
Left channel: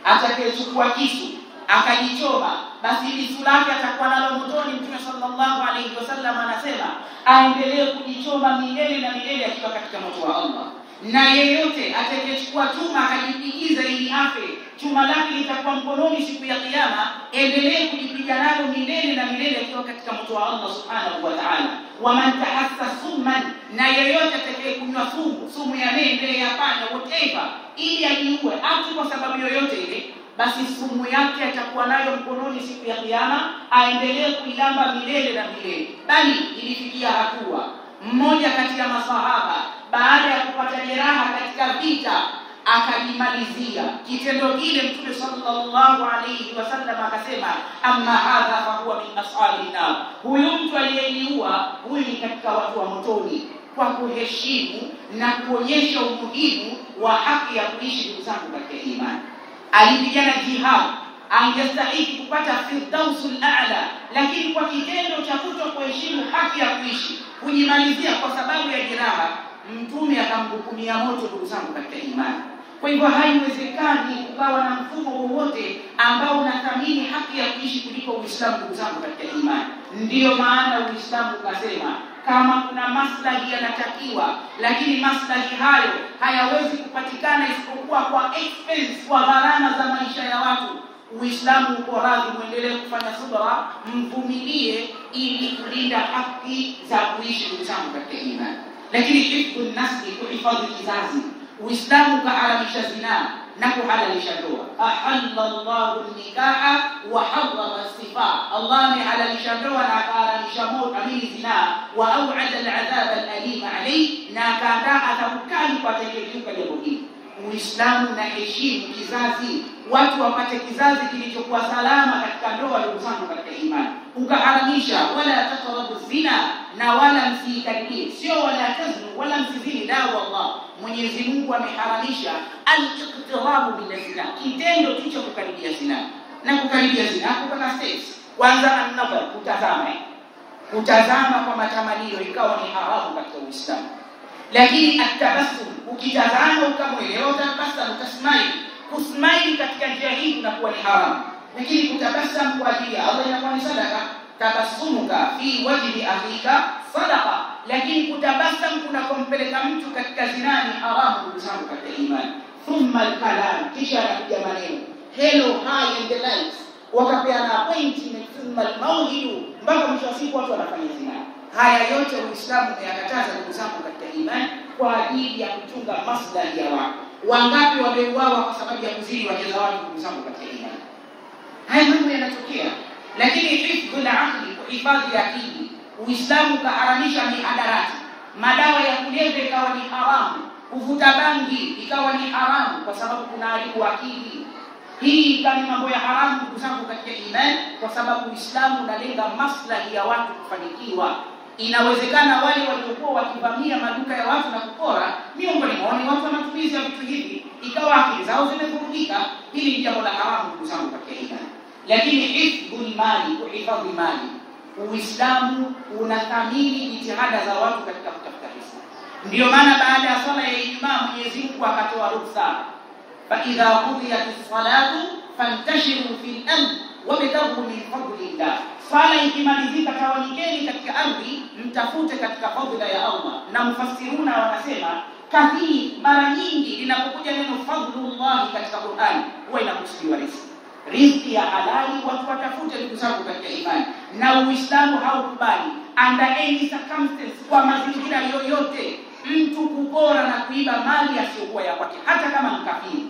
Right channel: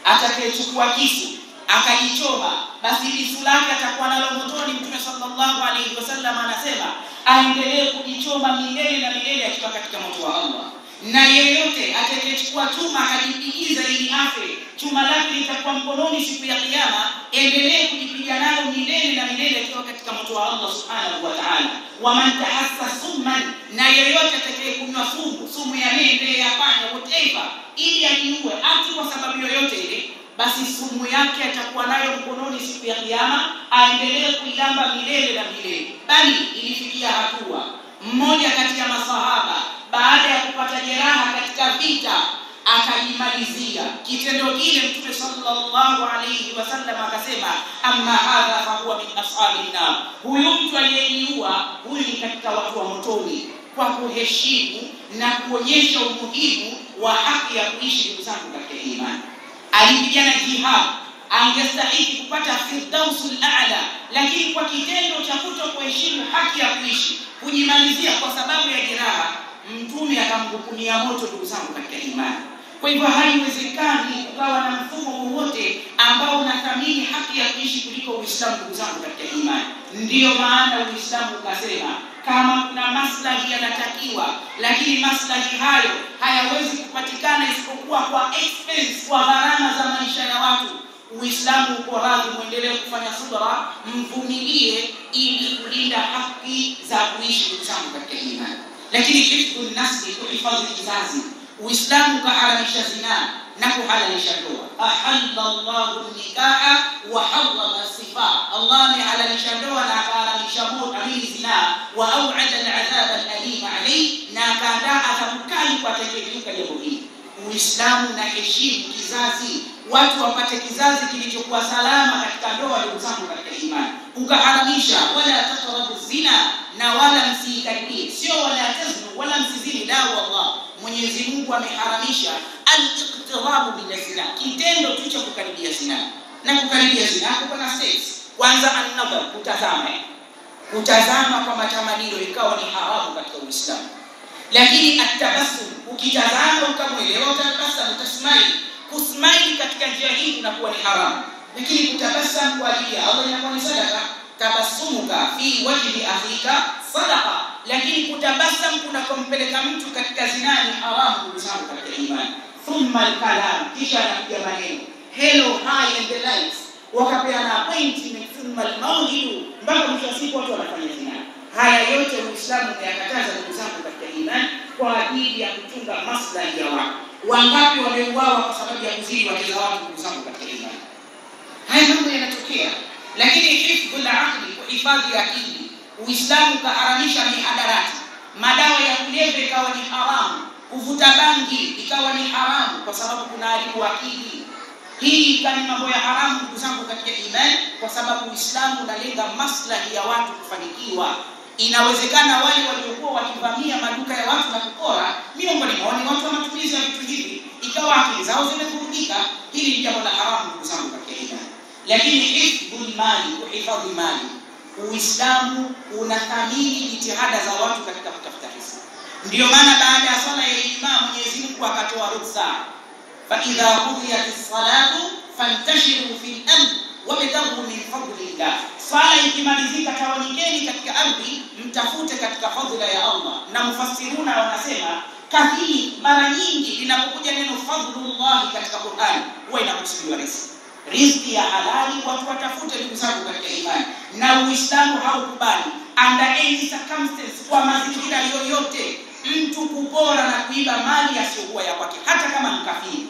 atakayechukua kisu akajichoma, basi lisu lake atakuwa nalo motoni. Mtume sallallahu alayhi wasallam anasema aendelee kujichoma milele na milele akiwa katika moto wa Allah. Na yeyote atakayechukua chuma akajipigiza ili afe, chuma lake litakuwa mkononi siku ya kiyama, endelee kujipiga nalo milele na milele akiwa katika moto wa Allah subhanahu wa ta'ala. Wa man tahassa summan, na yeyote atakayekunywa sumu ya mende, ya panya, whatever, ili ajiue ati kwa sababu yoyote ile, basi sumu yake atakuwa nayo mkononi siku ya kiyama, aendelee kuilamba milele na milele. Bali ilifikia hatua mmoja kati ya masahaba baada ya kupata jeraha katika vita akajimalizia kitendo kile. Mtume sallallahu alayhi wasallam akasema, amma hadha fa huwa min ashabin nar, huyu mtu aliyejiua huyu ni katika watu wa motoni. Kwa kuheshimu na kuonyesha umuhimu wa haki ya kuishi, ndugu zangu katika imani, alipigana jihad, angestahili kupata firdausul a'la, lakini kwa kitendo cha kutokuheshimu haki ya kuishi, kujimalizia kwa sababu ya jeraha, Mtume akamhukumia moto, ndugu zangu katika imani. Kwa hivyo haiwezekani kukawa na mfumo wowote ambao unathamini haki ya kuishi kuliko Uislamu, ndugu zangu katika imani. Ndiyo maana Uislamu ukasema kama kuna maslahi yanatakiwa, lakini maslahi hayo hayawezi kupatikana isipokuwa kwa expense, kwa gharama za maisha ya watu, Uislamu uko radhi muendelee kufanya subra, mvumilie ili kulinda haki za kuishi, ndugu zangu katika imani. Lakini hifdhu nafsi, kuhifadhi kizazi. Uislamu kaharamisha zina, na kuhalalisha ndoa. Ahallallahu nikaha wa harrama sifa, Allah amehalalisha ndoa na akahalalisha moto zina, wa au'ada al'adhab al'alim alayhi, na akaandaa adhabu kali kwa atakayekiuka jambo hili. Uislamu na heshimu kizazi, watu wapate kizazi kilichokuwa salama katika ndoa. Ndugu zangu katika imani, ukaharamisha wala taqrabu zina, na wala msikaribie, sio wala taznu wala msizini, la wallah. Mwenyezi Mungu ameharamisha al-iqtirabu bil zina, kitendo tu cha kukaribia zina. Na kukaribia zina kuna sex. Kwanza an-nadhar, kutazama kwa matamanio ikawa ni haramu katika Uislamu. Lakini at-tabassum, ukitazama ukamwelewa utabasamu, utasmile. Kusmile katika njia hii inakuwa ni haramu. Lakini kutabasam kwa ajili ya Allah inakuwa ni sadaka. Tabassumuka fi wajhi akhika sadaqa. Lakini kutabasam kuna kumpeleka mtu katika zina ni haramu, ndugu zangu katika imani. Thumma al-kalam, kisha anakuja maneno hello, hi and the likes, wakapeana appointment, thumma al-mawhidu, mpaka mwisho wa siku watu wanafanya zina. Haya yote Uislamu umeyakataza, ndugu zangu katika imani, kwa ajili ya kutunga maslahi ya watu. Wangapi wameuawa kwa sababu ya kuzini wake za watu, ndugu zangu katika imani? Haya mambo yanatokea. Lakini hifdhul aqli, kuhifadhi akili, Uislamu kaharamisha mihadarati, madawa ya kulevya ikawa ni haramu, kuvuta bangi ikawa ni haramu kwa sababu kuna haribu akili. Hii kama mambo ya haramu, ndugu zangu katika imani, kwa sababu Uislamu unalenga maslahi ya watu kufanikiwa. Inawezekana wale waliokuwa wakivamia maduka ya watu na kupora, miongoni mwao ni watu wa matumizi ya vitu hivi, ikawa akili zao zimevurugika. Hili ni jambo la haramu, ndugu zangu katika imani. Lakini hifdhul mali, kuhifadhi mali, Uislamu unathamini jitihada za watu katika kutafuta riziki. Ndio maana baada ya swala ya Ijumaa Mwenyezi Mungu akatoa ruhusa, fa idha qudiyatis salatu fantashiru fil ard wabtaghu min fadlillah. Swala ikimalizika, tawanyikeni katika ardhi, mtafute katika fadhila ya Allah. Na mufassiruna wanasema kathiri, mara nyingi linapokuja neno fadlullah katika Qur'an huwa inakusudiwa riziki ya halali, watu watafute, ndugu zangu katika imani. Na Uislamu haukubali under any circumstance, kwa mazingira yoyote, mtu kupora na kuiba mali asiyokuwa ya kwake, hata kama ni kafiri.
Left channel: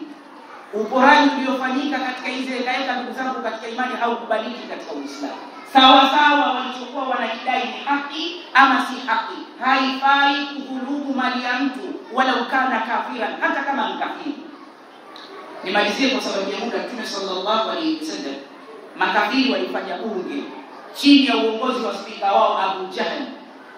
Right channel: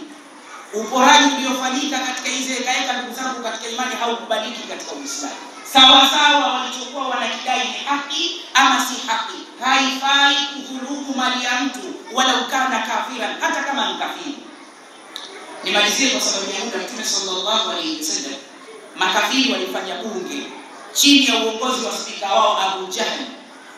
Uporaji uliofanyika katika hizo hekaya, ndugu zangu katika imani, haukubaliki katika Uislamu. Sawa sawa walichokuwa wanakidai ni haki ama si haki, haifai kudhulumu mali ya mtu wala ukana kafira, hata kama ni kafiri. Nimalizie kwa sababu ya muda. Mtume sallallahu alayhi wasallam, makafiri walifanya bunge chini ya uongozi wa spika wao Abu Jahl,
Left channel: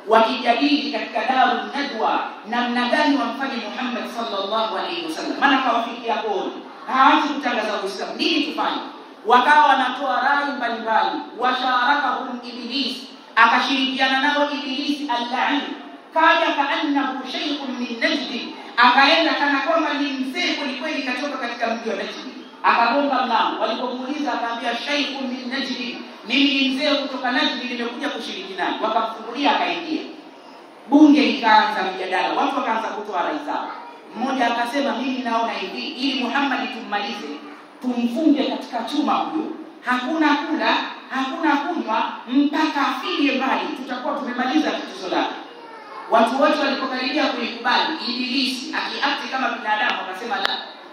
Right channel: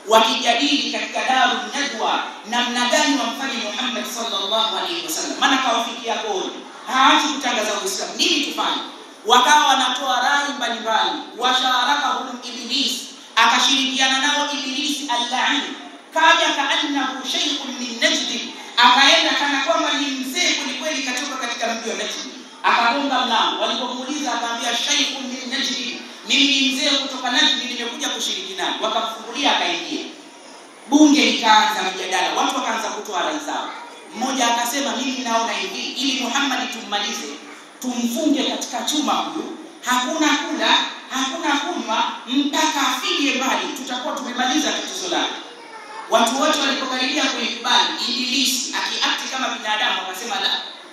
wakijadili katika Darun Nadwa namna gani wamfanye Muhammad sallallahu alayhi wasallam, maana kawafikia goli, hawaachi kutangaza Uislamu, nini tufanye? Wakawa wanatoa rai mbalimbali. Washarakahum Iblis, akashirikiana nao Iblis al-la'in, kaja kaannahu shaykhun min Najd, akaenda kana kwamba ni mzee kweli kweli katoka katika mji wa Najd. Akagonga mlango, walipomuuliza akaambia shaykhun min Najd, mimi ni mzee kutoka Najd, nimekuja kushiriki naye. Wakamfungulia, akaingia. Bunge likaanza mjadala, watu wakaanza kutoa rai zao. Mmoja akasema, mimi naona hivi, ili Muhammad tummalize, tumfunge katika chuma huyu, hakuna kula hakuna kunywa mpaka afie mbali, tutakuwa tumemaliza tatizo lake. Watu wote walipokaribia kuikubali, Ibilisi akiakti kama binadamu akasema, la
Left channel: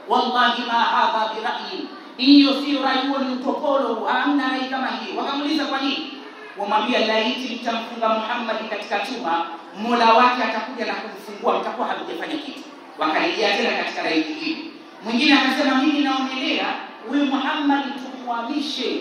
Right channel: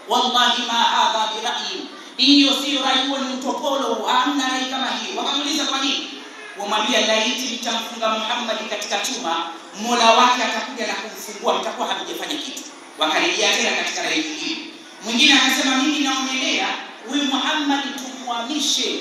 wallahi ma hadha bi ra'yi, hiyo sio rai, huo ni utopolo, hamna rai kama hiyo. Wakamuuliza kwa nini? Wamwambia, laiti nitamfunga Muhammad katika chuma, Mola wake atakuja na kumfungua, mtakuwa hamjafanya kitu. Wakarejea tena katika rai hii. Mwingine akasema, mimi naonelea huyu Muhammad tumhamishe,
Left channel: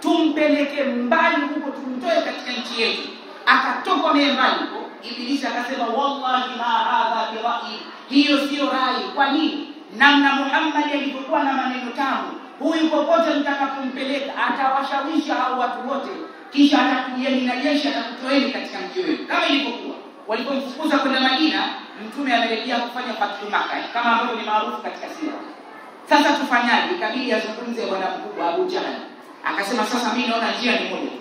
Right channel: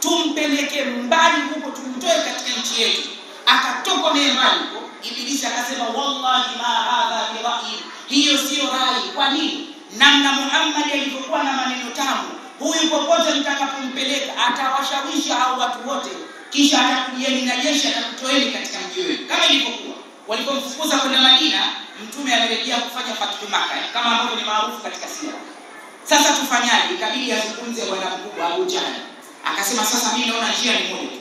tumpeleke mbali huko, tumtoe katika nchi yetu. Akatoka mbali huko. Ibilisi akasema, wallahi ma hadha bi ra'yi, hiyo sio rai. Kwa nini? Namna Muhammad alivyokuwa na maneno tamu, huyu popote mtakapompeleka atawashawisha hao watu wote, kisha atakujieni na jeshi, atakutoeni katika mji wenu, kama ilivyokuwa walipomfukuza kwenda Madina. Mtume amerejea kufanya fathu Makkah, kama ambavyo ni maarufu katika sira. Sasa tufanyaje? Ikabidi azungumze bwana mkubwa Abu Jahl. Akasema, sasa mimi naona njia ni moja tu,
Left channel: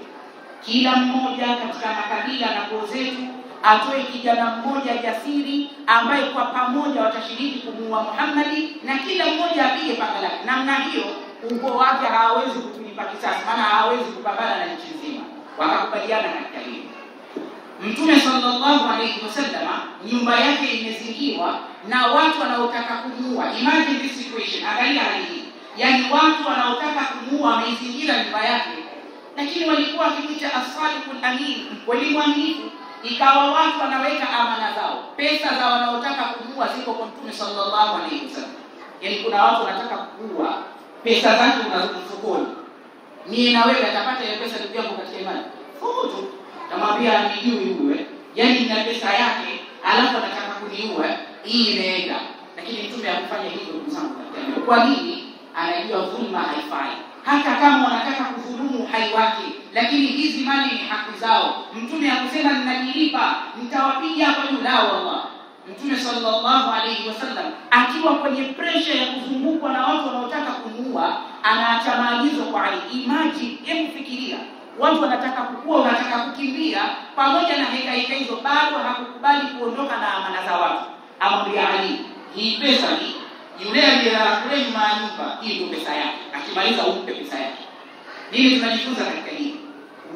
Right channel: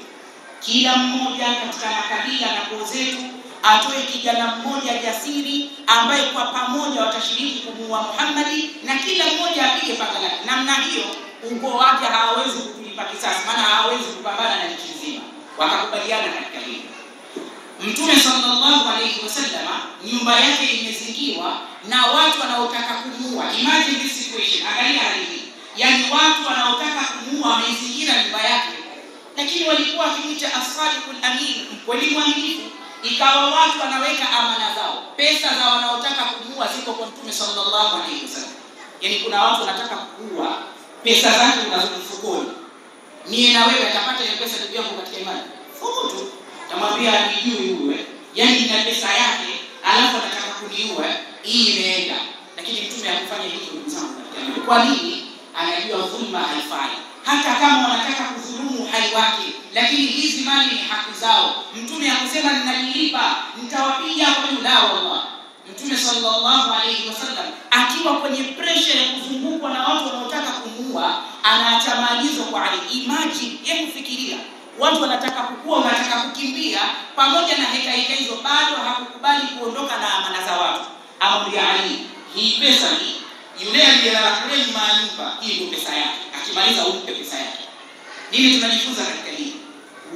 kila mmoja katika makabila na koo zetu atoe kijana mmoja jasiri ambaye kwa pamoja watashiriki kumuua Muhammad, na kila mmoja apige panga lake. Namna hiyo ukoo wake hawawezi kutulipa kisasi, maana hawawezi kupambana na nchi nzima. Wakakubaliana katika hilo. Mtume sallallahu alayhi wasallam nyumba yake imezingirwa na watu wanaotaka kumuua. Imagine this situation, angalia hali hii. Yaani watu wanaotaka kumuua wameizingira nyumba yake. Lakini walikuwa wakimuita as-sadiqul amin, mkweli mwaminifu. Ikawa watu wanaweka amana zao, pesa za wanaotaka kumuua ziko kwa Mtume sallallahu alayhi wasallam. Yaani kuna watu wanataka kuua, pesa zake unazo mfukoni. Mimi na wewe atapata ile pesa ndugu yangu katika imani. Fukutu tamwambia nijui wewe, yaani na pesa yake alafu anataka kuniua, hii imeenda. Lakini Mtume hakufanya hivyo ndugu zangu katika imani. Kwa nini? Anajua dhulma haifai. Hata kama wanataka kudhulumu uhai wake, lakini hizi mali ni haki zao. Mtume akasema ninalipa, nitawapiga kwa yula Allah. Mtume sallallahu alayhi wasallam akiwa kwenye pressure ya kuzungukwa na watu wanaotaka kumuua, anaacha maagizo kwa Ali. Imagine, hebu fikiria, watu wanataka kukua, wanataka kukimbia, pamoja na heka hizo bado hakukubali kuondoka na amana za watu. Amwambia Ali, hii pesa hii, yule aliyelala kule nyuma ya nyumba, hii ndio pesa yake. Akimaliza umpe pesa yake. Nini tunajifunza katika hii?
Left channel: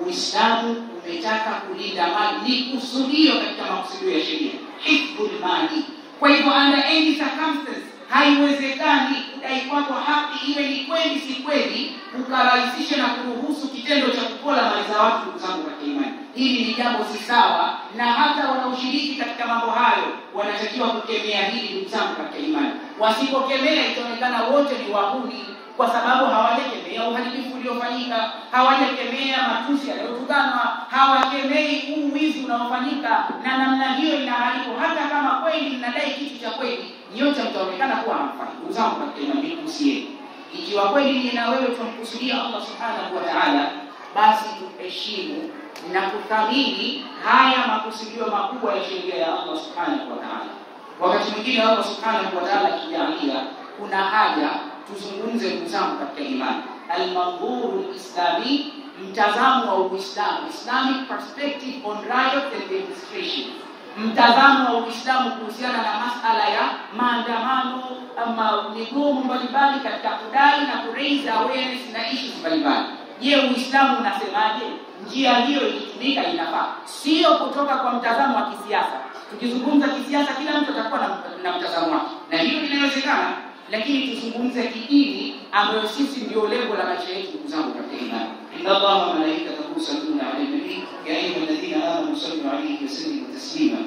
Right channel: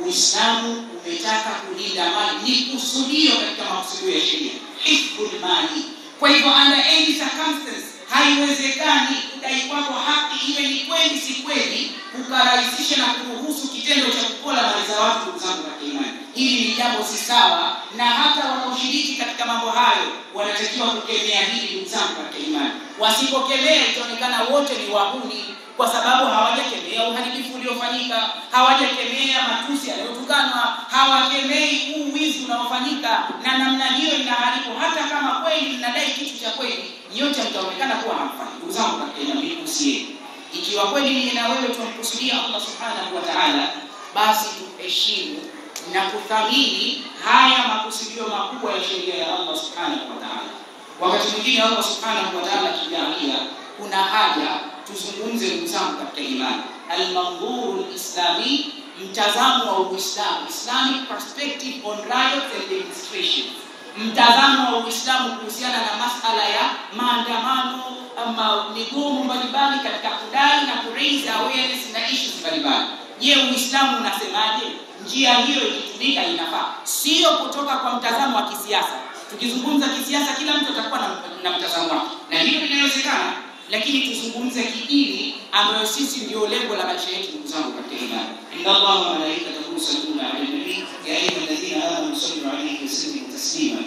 Uislamu umetaka kulinda mali, ni kusudio katika makusudio ya sheria, hifdhul mali. Kwa hivyo under any circumstance haiwezekani kudai kwako haki iwe ni kweli si kweli, ukarahisisha na kuruhusu kitendo cha kupola mali za watu. Ndugu zangu katika imani, hili ni jambo si sawa, na hata wanaoshiriki katika mambo hayo wanatakiwa kukemea hili. Ndugu zangu katika imani, wasipokemea itaonekana wote ni wahuni, kwa sababu hawajakemea uhalifu uliofanyika, hawajakemea matusi yaliyotukanwa, hawakemei uwizi unaofanyika, na namna hiyo inaharibu. Hata kama kweli mnadai kitu cha kweli, nyote mtaonekana kuwa hamfanyi. Ndugu zangu katika imani, usiye ikiwa kweli mimi na wewe tunamkusudia Allah subhanahu wa ta'ala, basi tuheshimu na kuthamini haya makusudio makubwa ya sheria ya Allah subhanahu wa ta'ala. Wakati mwingine Allah subhanahu wa ta'ala kijalia kuna haja tuzungumze ndugu zangu katika imani, al-manzur al-islami, mtazamo wa Uislamu, Islamic perspective on riots and demonstrations. Mtazamo wa Uislamu kuhusiana na masala ya maandamano ama migomo mbalimbali katika kudai na kuraise awareness na issues mbalimbali. Je, Uislamu unasemaje? Njia hiyo ikitumika inafaa, sio kutoka kwa mtazamo wa kisiasa. Tukizungumza kisiasa kila mtu atakuwa na mtazamo wake, na hilo linawezekana, lakini tuzungumze kidini ambayo sisi ndio lengo la maisha yetu. Ndugu zangu katika imani, inna Allaha wa malaikatahu yusalluna 'alan nabiy ya ayyuhalladhina amanu sallu 'alayhi wa sallimu taslima.